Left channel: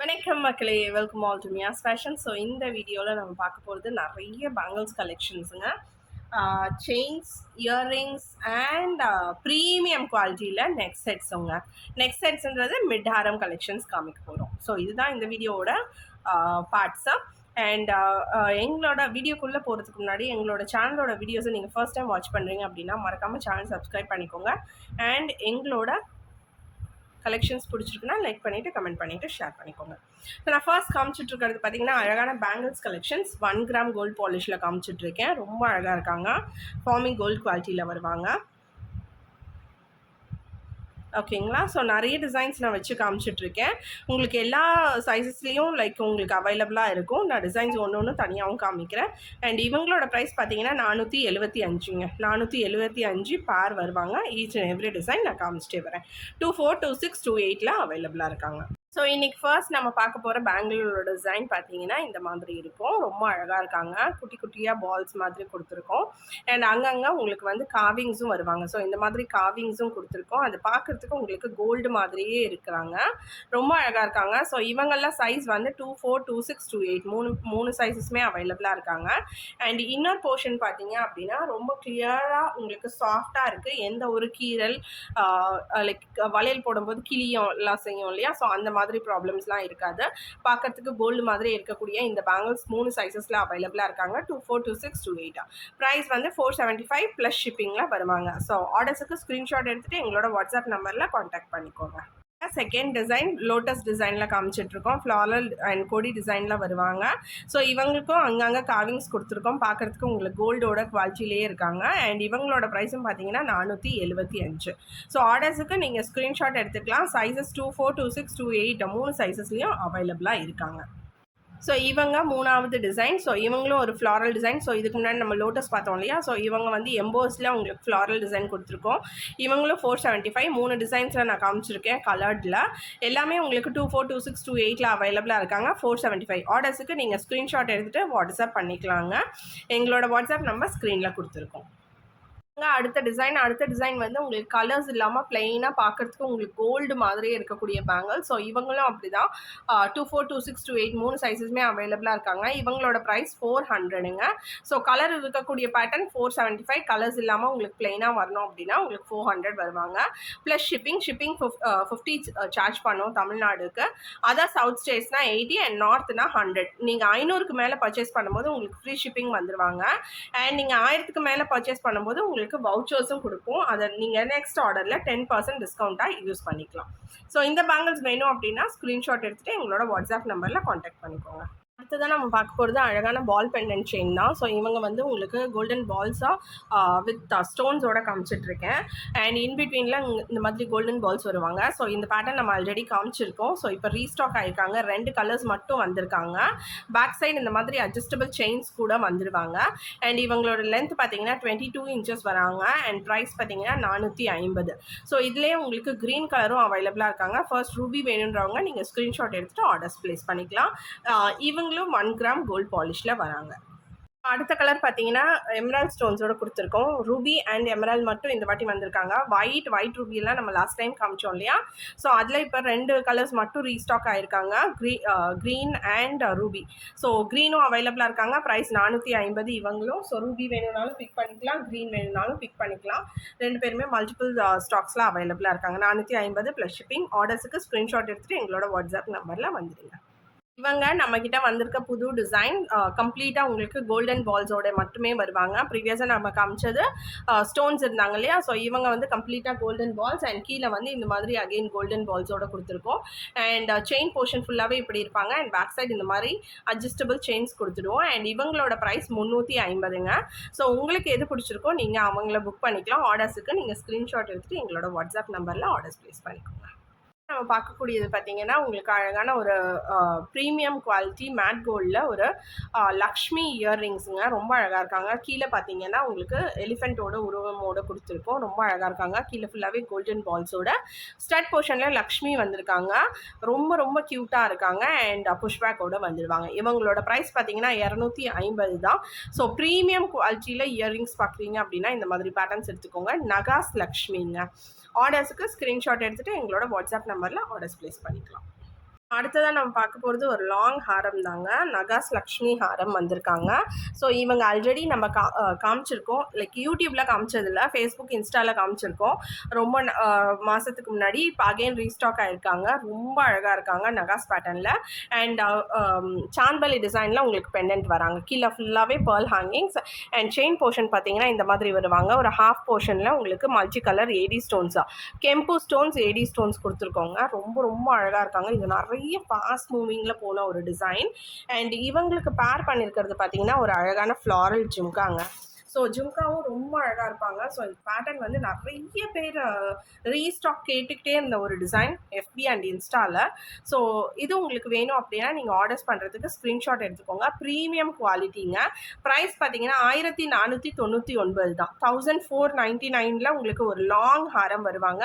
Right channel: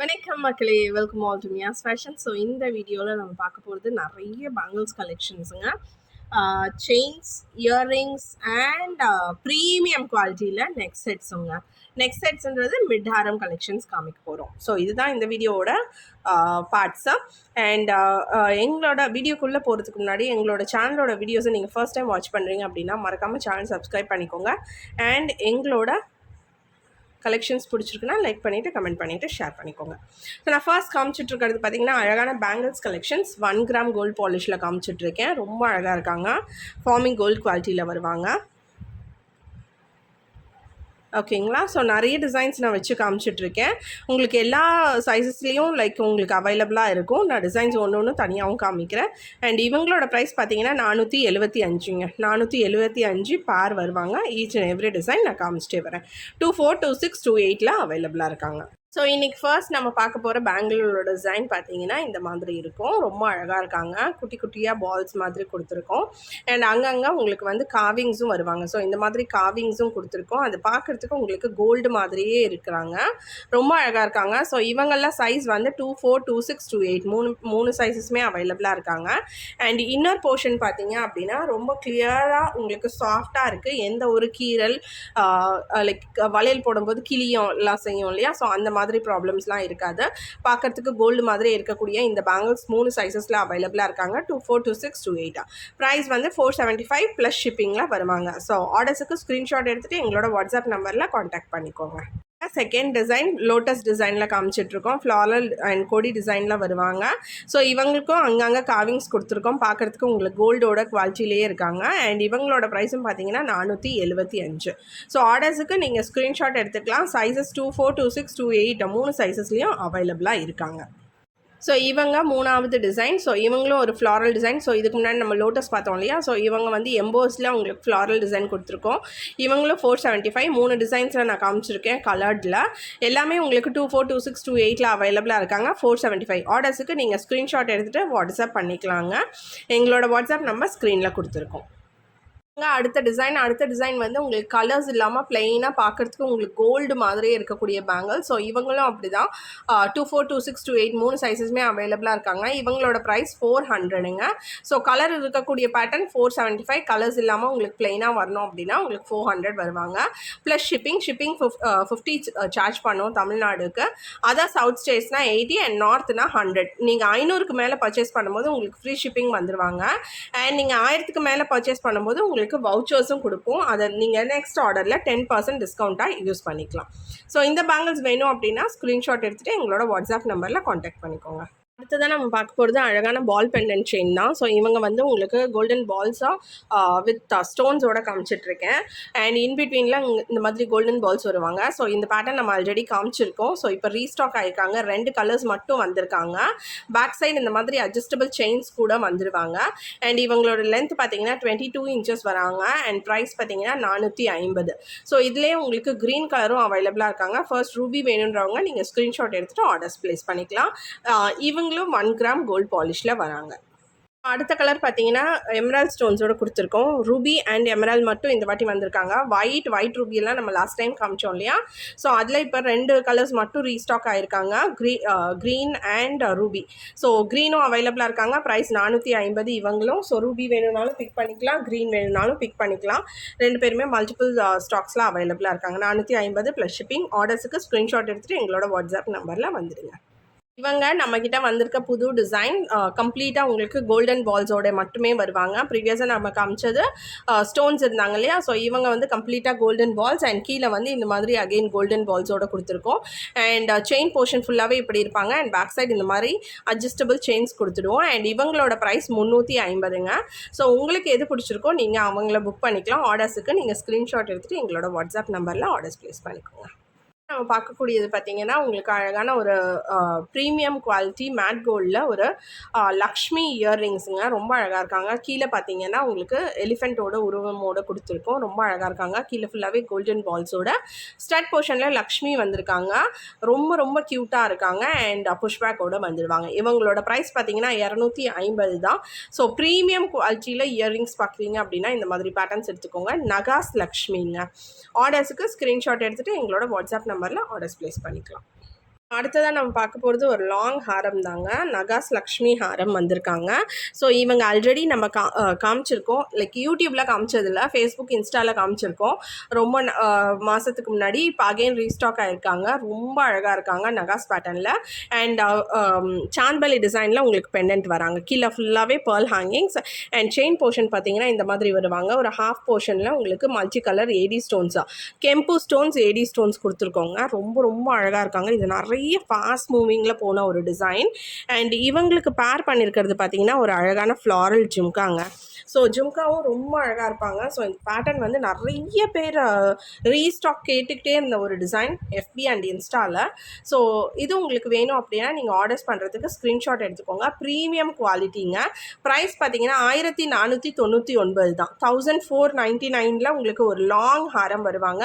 வணக்கம் மக்களே, welcome all to Miya's fashion. So இந்த வீடியோவில் நம்ம பார்க்க போகிறது நிறைய பேங்கிள்ஸ் கலெக்ஷன்ஸுங்க. செயின்ஸ், இயர்ரிங்ஸ் அண்ட் ப்ரீமியம் குவாலிட்டியில் நெக் செட்ஸுங்க. நெக் செட்ஸுன்றது மிட் ஹாரம் கலெக்ஷன்ஸ் காமிக்க போகிறோம். ஸோ இதுதான் இந்த வீடியோவோட பார்ட்ஸு. அண்ட் எங்களோட வீடியோக்குள்ளே போகிறதுக்கு முன்னாடி எங்களோட சேனலோட வீடியோஸை நீங்கள் ஃபர்ஸ்ட் டைம் வாட்ச் பண்ணுறீங்க அப்படின்னா மறக்காமல் சேனல் சப்ஸ்கிரைப் பண்ணிக்கோங்க. அண்ட் எங்களோட கலெக்ஷன்ஸ் பிடிச்சிருக்குன்னா லைக் பண்ணிவிட்டு கமெண்ட் பண்ணிவிட்டு ஷேர் பண்ணிக்கோங்க. ஸோ நான் ஃபர்ஸ்ட் காமிச்சிட்ருக்கிறது பார்த்திங்கன்னா அழகான பேங்கிள்ஸ் கலெக்ஷன்ஸ் 1 கிராம் கோல்டு பாலிஷில் காமிச்சிட்ருக்கேன். ரொம்ப அழகாக இருக்காங்க. ஃபார்மிங் கோல்டு குவாலிட்டியில் வருவாங்க. ஓகேங்களா. ஸோ நிறைய டிசைன்ஸ் நான் வச்சு காமிச்சிட்ருக்கேன். உங்களுக்கு எல்லா சைஸஸ்லேயும் உங்களுக்கு அவைலபிளாக இருக்கும். நான் டிசைன்ஸ் ஒன்று ஒன்று தனியாகவும் காமிக்கிறேன். அண்ட் இவங்களோட ப்ரைஸ் பார்த்தீங்கன்னா 475ங்க. 475 பேர் வருவாங்க. ஈச் அண்ட் எவ்ரி டிசைன் நான் காமிச்சிட்டே வரேன். 24, 26, 28 அவைலபிளாக இருக்காங்க. ஸோ இன்றைக்கி ஃபர்ஸ்ட் நம்ம பார்க்க போகிற பேங்கிளோட டிசைன் பார்த்தீங்கன்னா இந்த மாதிரி இருக்கும். ரொம்ப அழகாக இருக்காங்க. குட்டி குட்டியாக பால்ஸ் மாதிரி கொடுத்துருக்கோம். அண்ட் அங்கங்கே உங்களுக்கு காவிங்ஸும் வருவாங்க. ஸோ இந்த மாதிரி காவிங்ஸும் கொடுத்துருக்கோம். அது பார்க்குறதுக்கு உங்களுக்கு கோல்டு மாதிரியே இருக்கிறாங்க. ரொம்ப அழகாக இருக்காங்க. ஸோ இவங்கெல்லாம் சைஸ் 24, 26, 28 மூணு சைஸஸுமே அவைலபிளாக இருக்காங்க. அண்ட் இன்னர் போர்ஷன் பார்த்தீங்க அப்படின்னா ரொம்ப கிளியராக உங்களுக்கு சாஃப்டாக இருக்குது. எந்த ஒரு கீரல் வளையல் போடும்போது கிளியும் எல்லாம் செய்யும் இல்லையா. ஸோ அந்த மாதிரி ப்ராப்ளம்ஸ்லாம் இருக்காது. பார்க்கறதுக்கு கோல்டு மாதிரி இருக்கக்கூடிய இந்த பேங்கிள்ஸ் 3 சைஸஸில் அவைலபிளாக இருக்காங்க. 24, 26, 28. ப்ரைஸ் 475 ப்ளஸ் ஷிப்பிங்கில் வருவாங்க. ஸோ ஆர்டர்ஸுக்கு ஸ்க்ரீன்ஷாட் எடுத்துகிட்டு எங்களோட வாட்ஸ்அப் நம்பரில் காண்டாக்ட் பண்ணிக்கோங்க. செகண்ட் டிசைன் லோட்டஸ் டிசைனில் காமிச்சிட்ருக்கோம். ஃப்ளாரல் அண்ட் கொடி டிசைனில் வருவாங்க. ஸோ இவங்களுக்கும் அங்கங்கே காவிங்ஸ் கொடுத்துருக்கோம். பார்க்குறதுக்கு உங்களுக்கு கோல்டோட குவாலிட்டிலேயே இருக்காங்க. அண்ட் இவங்களோட ப்ரைஸும் பார்த்தீங்கன்னா 475. ஸோ ஆர்டர்ஸுக்கு நீங்கள் ஸ்க்ரீன்ஷாட் எடுத்துக்கலாம். சைஸஸ் 24, 26, 28 3 சைஸஸ்லேயும் அவைலபிளாக இருக்காங்க. ஸோ இவங்க மூணாவது டிசைன். ஸோ இவங்களும் ஒரு ஃப்ளாரல் டிசைன். ஸோ இதுக்கு முன்னாடி நம்ம லோட்டஸ் பார்த்தோம் இல்லையா. ஸோ இவங்க எம்போஸில் உங்களுக்கு ஃப்ளாரல் டிசைன் கொடுத்துருக்கோம். இவங்களும் 475 3 டிசைன்ஸில் நான் காமிச்சிருக்கேன் கலர்டில். எல்லாமே உங்களுக்கு 24, 26, 28 அவைலபிளாக இருக்காங்க. 475 ஆர்டர்ஸுக்கு நீங்கள் ஸ்க்ரீன்ஷாட் எடுத்துகிட்டு வாட்ஸ்அப் பண்ணிக்கலாங்க. எங்களோட வாட்ஸ்அப் நம்பர் ஸ்க்ரீனில் கொடுத்துருக்கோம். அடுத்த டிசைன் உங்களுக்கு கலர்ஸ் இல்லாமல் பிளெயினாக பார்க்குறதுக்கு உங்களுக்கு கோல்டு மாதிரியே இருக்கக்கூடிய பேங்கிள். ஸோ இவங்களும் அப்படி தான் 24, 26, 28 3 சைஸஸுமே அவைலபிளாக இருக்காங்க. இவங்களோட ப்ரைஸ் 400ங்க. ஸோ கலர் இருக்கக்கூடிய பேட்டர்ன் 475. கலர்ஸ் இல்லாமல் உங்களுக்கு பிளெயினாக வரணும் அப்படின்னா உங்களுக்கு 400 வருவாங்க. ப்ளஸ் ஷிப்பிங் 50 சார்ஜ் பண்ணோம் தமிழ்நாடுக்கு. அதான் சவுத் ஸ்டேட்ஸ்னால் 80 அண்ட் நார்த்னா 100. நீங்கள் 500க்கு மேலே பர்ச்சேஸ் பண்ணும்போது உங்களுக்கு ஃப்ரீ ஷிப்பிங் வந்துடுவாங்க. அண்ட் நீங்கள் 1000க்கு மேலே பர்ச்சேஸ் பண்ணும்போது உங்களுக்கு வவுச்சர்ஸும் கொடுப்போம். அதை நீங்கள் நெக்ஸ்ட் ஆர்டரில் 10% டிஸ்கவுண்ட்டாக யூஸ் பண்ணிக்கலாம். ஸோ இந்த பேங்கிள்ஸ் வேணும் அப்படின்னா ஸ்க்ரீன்ஷாட் எடுத்துகிட்டு எங்களோட வாட்ஸ்அப் நம்பரில் காண்டாக்ட் பண்ணிக்கோங்க. அடுத்ததான் நம்ம பார்க்க போகிறது அழகான பால் பெண்டன்ட் செயின் தான். ஸோ இவங்க உங்களுக்கு கோல்டன் பால்ஸாக வித் ஸ்டோன்ஸோட காமிச்சிட்ருக்கேன். அண்ட் இன்பிட்வீனில் இந்த மாதிரி கோல்டன் பால்ஸ் வருவாங்க. ஸோ இந்த பேட்டர்ன் நம்ம ஆல்ரெடி காமிச்சிருக்கோம். ஸோ இப்போ ரீஸ்டாக் ஆகிருக்காங்க. 2 கலர்ஸ் மட்டும் வந்திருக்காங்க. பேக் சைடு இந்த மாதிரி அட்ஜஸ்டபிள் செயின்ஸ் கூட வந்துடுவாங்க. அண்ட் இவங்களோட லென்த் பார்த்தீங்கன்னா 22 inches வராங்க. அண்ட் ப்ரைஸ் பார்த்தீங்கன்னா 450. ஸோ இதுலேயே உங்களுக்கு க்ரீன் கலரும் அவைலபிளாக இருக்காங்க. ஃபர்ஸ்ட் ரூபி வேணுன்றவங்க நீங்கள் ஸ்க்ரீன்ஷாட் எடுத்துகிட்டு ஆர்டர்ஸ் ப்ளேஸ் பண்ணிக்கலாம். இவங்களும் 1 கிராம் கோல்ட் பாலிஷில் வராங்க. அடுத்த கலர் பார்த்தீங்கன்னா எமரால்ட் ஸ்டோன்ஸோட கொடுத்துருக்கோம். ரூபி அண்ட் எமரால்ட் மட்டும் இந்த வாட்டி வந்திருக்காங்க. ஒயிட் ரூபியெல்லாம் நம்ம லாஸ்ட் டைம் காமிச்சோம் இல்லையா. ஸோ அதில் இப்போ 2 கலர்ஸ் மட்டும் ரீஸ்டாக் ஆகிருக்காங்க. Green and ruby. ஸோ க்ரீனும் அவைலபிளாக இருக்காங்க. ப்ரைஸ் 450 இவங்களும். ஸோ ரூபி வேணும்னாலும் பிக் பண்ணிக்கலாம், க்ரீன் வேணும்னாலும் பிக் பண்ணிக்கலாம். 2 பேருமே மல்டிபிள் ஸ்டாக்ஸில் அவைலபிளாக இருக்காங்க. 450 ப்ளஸ் ஷிப்பிங். ஆர்டர்ஸுக்கு ஸ்க்ரீன்ஷாட் எடுத்துகிட்டு எங்களோட வாட்ஸ்அப் நம்பரில் வந்துடுங்க. இவங்க நம்மக்கிட்ட வந்திருக்க புது டிசைன் கம்ப்ளீட்டாக உங்களுக்கு கோல்டன் பால்ஸோட மட்டுமே வருவாங்க. ப்ரீவியஸாக நம்ம காமிச்சது ஸ்டோன்ஸ் இருந்தாங்க இல்லையா. ஸோ இவங்க கம்ப்ளீட்டாக கோல்டன் பால்ஸ் அண்ட் கீழே இந்த மாதிரி அகெயின் கோல்டன் பால்ஸோட கொடுத்துருக்கோம். அண்ட் செயின் போர்ஷன் ஃபுல்லாகவே இப்படி இருப்பாங்க. அண்ட் பேக் சைடு இந்த மாதிரி அட்ஜஸ்டபிள் செயின்ஸ் கொடுத்துடுவோம். அண்ட் இவங்களோட ப்ரைஸ் 350ங்க. ஸோ உங்களுக்கு எது பிடிச்சிருக்கோ நீங்கள் அவங்கள புக் பண்ணிக்கலாம். ஆர்டர்ஸுக்கு நீங்கள் ஸ்க்ரீன்ஷாட் எடுத்துகிட்டு எங்களோட வாட்ஸ்அப் நம்பரில் ஆர்டர்ஸ் ப்ளேஸ் பண்ணிக்கோங்க. நம்ம பார்க்கக்கூடியது பார்த்தீங்கன்னா உங்களுக்கு அழகான ஒரு ப்ரீமியம் குவாலிட்டி மேட் கோல்டில் ஒரு லக்ஷ்மி இயர்ரிங்ஸுங்க. ரொம்ப அழகாக இருக்காங்க. கீழே பார்த்தீங்கன்னா உங்களுக்கு எலிஃபெண்ட்டோட உருவமோடு கொடுத்துருக்கோம். ரொம்ப அழகாக இருக்காங்க. கீழே ஃபுல்லாகவே கோல்டன் பால்ஸோட ஸ்டட் போர்ஷனில் லக்ஷ்மி வந்திருக்காங்க. ரொம்ப க்யூட்டாக இருக்காங்க. அண்ட் புஷ்பேக்கோடு வந்துடுவாங்க. இவங்களோட ப்ரைஸ் பார்த்தீங்கன்னா 250 தான். ஸோ ப்ரீமியம் குவாலிட்டியில் இயர்ரிங்ஸ் பார்க்குறீங்க அப்படின்னா இந்த மாதிரி பேட்டர்ன்ஸ் எடுத்துக்கோங்க. நகாஸ் லக்ஷ்மிங்க. ஆர்டர்ஸுக்கு ஸ்க்ரீன்ஷாட் எடுத்துகிட்டு எங்களோட வாட்ஸ்அப் நம்பரில் ஆர்டர்ஸ் ப்ளேஸ் பண்ணிக்கலாம். அடுத்ததா நம்ம பார்க்க போறது ஒரு லாங் ஹாரம் தாங்க. நகாஸ் லக்ஷ்மி ஹாரம் வந்திருக்காங்க. ஸோ இவங்க ஆல்ரெடி நம்ம காமிச்சிருக்கோம். லைக் யூடியூப்ல காமிச்சதில்ல. Facebook, இன்ஸ்டால காமிச்சிருக்கோம். ரொம்ப மாசத்துக்கு முன்னாடி. இப்போ அகைன் ரீஸ்டாக் ஆயிருக்காங்க. ரொம்ப அழகா இருக்காங்க நகாஸ் பேட்டர்ன்ல. அண்ட் சான்பலி டிசைன்ல உங்களுக்கு பெண்டன்ட் வராங்க. கீழே ஃபுல்லாவே Perl hangings and chain portion பார்த்தீங்கன்னா இந்த மாதிரி வருவாங்க. ஒரு ஹாஃப் போர்ஷன்ல உங்களுக்கு மல்டி கலர் ஏடி ஸ்டோன்ஸா கெம்பு ஸ்டோன்ஸ், ஏடி ஸ்டோன்ஸ் கொடுத்துருக்கோங்க. ரொம்ப ரொம்ப அழகா இருக்காங்க. இது நிறைய ஃபாஸ்ட் மூவிங்கில் போன ஒரு டிசைன். அண்ட் இவங்களுக்கு பேர் பண்ணியிருக்கிறது பார்த்தீங்கன்னா ஒரு அழகான ஃப்ளாரல் ஜும்காங்க. ஸோ ஜும்காவும் ரொம்ப அழகாக இருப்பாங்க. ஸோ இந்த பேட்டர்ன் வந்து நிறைய பேர் ரீஸ்டாக் கேட்டுக்கிட்டே இருந்த ஒரு டிசைன் FB அண்ட் இன்ஸ்டாவில். ஸோ இது உங்களுக்கு வேணும் அப்படின்னா நீங்கள் ஆர்டர்ஸ் பண்ணுறதுக்கு ஸ்க்ரீன்ஷாட் எடுத்துக்கோங்க. ப்ரீமியம் குவாலிட்டிங்க. ப்ரைஸ் பார்த்தீங்கன்னா 1499 தான். 1499 உங்களுக்கு ஒரு லாங் ஹாரம் வருவாங்க.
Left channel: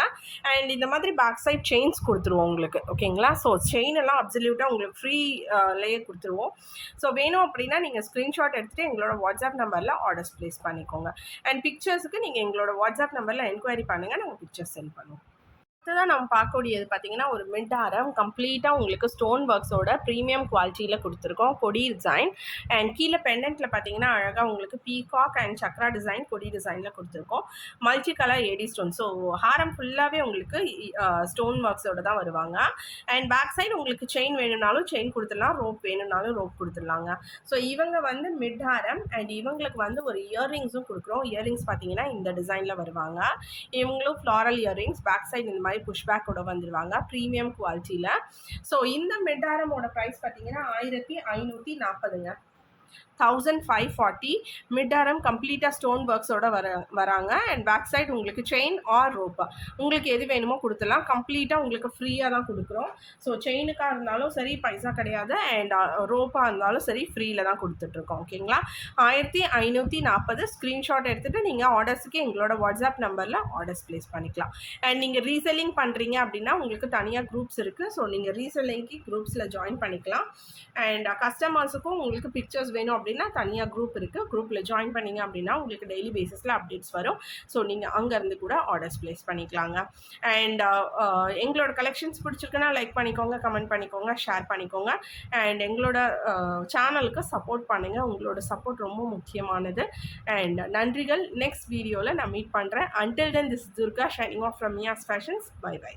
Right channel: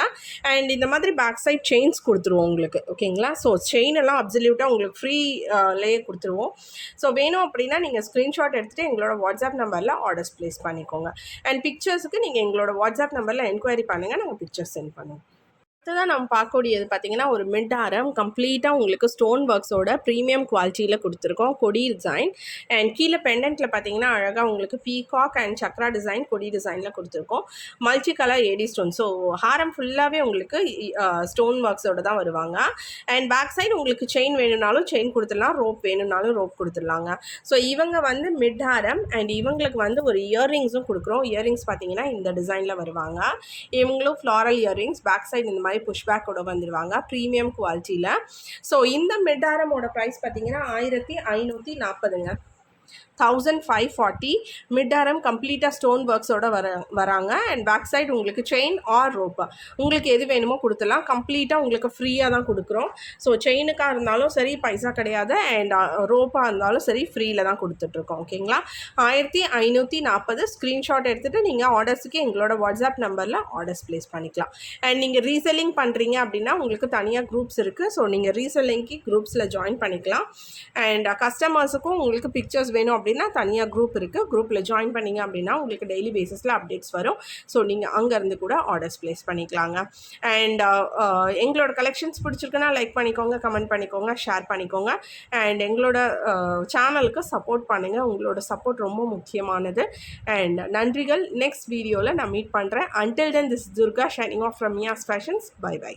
அண்ட் இந்த மாதிரி பேக் சைட் செயின்ஸ் கொடுத்துருவோம் உங்களுக்கு. ஓகேங்களா? ஸோ செயின் எல்லாம் அப்சல்யூட்டாக உங்களுக்கு ஃப்ரீ லேயே கொடுத்துருவோம். ஸோ வேணும் அப்படின்னா நீங்கள் ஸ்க்ரீன்ஷாட் எடுத்துகிட்டு எங்களோட வாட்ஸ்அப் நம்பரில் ஆர்டர்ஸ் ப்ளேஸ் பண்ணிக்கோங்க. அண்ட் பிக்சர்ஸுக்கு நீங்கள் எங்களோட வாட்ஸ்அப் நம்பரில் என்கொயரி பண்ணுங்கள். நாங்கள் பிக்சர்ஸ் சென்ட் பண்ணுவோம். அடுத்ததாக நம்ம பார்க்கக்கூடியது பார்த்தீங்கன்னா ஒரு மிட் ஹாரம் கம்ப்ளீட்டாக உங்களுக்கு ஸ்டோன் ஒர்க்ஸோட ப்ரீமியம் குவாலிட்டியில் கொடுத்துருக்கோம். கொடி டிசைன் அண்ட் கீழே பெண்டன்ட்டில் பார்த்தீங்கன்னா அழகாக உங்களுக்கு பீகாக் அண்ட் சக்ரா டிசைன் கொடி டிசைனில் கொடுத்துருக்கோம். Multi colour AD stone. So ஹாரம் ஃபுல்லாகவே உங்களுக்கு ஸ்டோன் ஒர்க்ஸோட தான் வருவாங்க. அண்ட் பேக் சைடு உங்களுக்கு செயின் வேணும்னாலும் செயின் கொடுத்துடலாம், ரோப் வேணும்னாலும் ரோப் கொடுத்துடலாங்க. ஸோ இவங்க வந்து மிட் ஹாரம் அண்ட் இவங்களுக்கு வந்து ஒரு இயர்ரிங்ஸும் கொடுக்குறோம். இயர்ரிங்ஸ் பார்த்தீங்கன்னா இந்த டிசைனில் வருவாங்க. இவங்களும் ஃப்ளாரல் இயர்ரிங்ஸ் பேக் சைடு இந்த மாதிரி புஷ்பேக்கோட வந்துடுவாங்க ப்ரீமியம் குவாலிட்டியில். ஸோ இந்த மிட் ஹாரமோட ப்ரைஸ் பார்த்தீங்கன்னா 1540ங்க. 1540 மிட் ஹாரம் கம்ப்ளீட்டாக ஸ்டோன் ஒர்க்ஸோட வராங்க. அண்ட் பேக் சைடு உங்களுக்கு செயின் ஆர் ரோப்பா உங்களுக்கு எது வேணுமோ கொடுத்துலாம். கம்ப்ளீட்டாக உங்களுக்கு ஃப்ரீயாக தான் கொடுக்குறோம். ஸோ செயினுக்காக இருந்தாலும் சரி பைசா கிடையாது, அண்ட் ரோப்பாக இருந்தாலும் சரி ஃப்ரீயில் தான் கொடுத்துட்ருக்கோம். ஓகேங்களா? 1540 ஸ்க்ரீன்ஷாட் எடுத்துகிட்டு நீங்கள் ஆர்டர்ஸுக்கு எங்களோட வாட்ஸ்அப் நம்பரில் ஆர்டர்ஸ் ப்ளேஸ் பண்ணிக்கலாம். அண்ட் நீங்கள் ரீசெல்லிங் பண்ணுறீங்க அப்படின்னா உங்களுக்கு தனியாக குரூப்ஸ் இருக்குது. ஸோ நீங்கள் ரீசெல்லிங்க்கு குரூப்ஸில் ஜாயின் பண்ணிக்கலாம். அண்ட் கஸ்டமர்ஸுக்கும் உங்களுக்கு பிக்சர்ஸ் வேணும் அப்படின்னா தனியாக குரூப் இருக்குது. குரூப்பில் ஜாயின் பண்ணிங்க அப்படின்னா உங்களுக்கு டெய்லி பேசிஸில் அப்டேட்ஸ் வரும். ஸோ நீங்கள் அங்கேருந்து கூட ஆர்டர்ஸ் ப்ளேஸ் பண்ணிக்கலாங்க. அண்ட் எங்களோட கலெக்ஷன்ஸ் பிடிச்சிருக்குன்னா லைக் பண்ணிக்கோங்க, கமெண்ட் பண்ணிக்கோங்க, ஷேர் பண்ணிக்கோங்க. அண்ட் எங்களோட சேனலுக்கு சப்போர்ட் பண்ணுங்கள். உங்களோட சப்போர்ட் ரொம்ப முக்கியமானது. அண்ட் நன்றிகள். நெக்ஸ்ட் வீடியோவில் நான் மீட் பண்ணுறேன். Until then this Durga signing off from Miya's fashions. Bye by.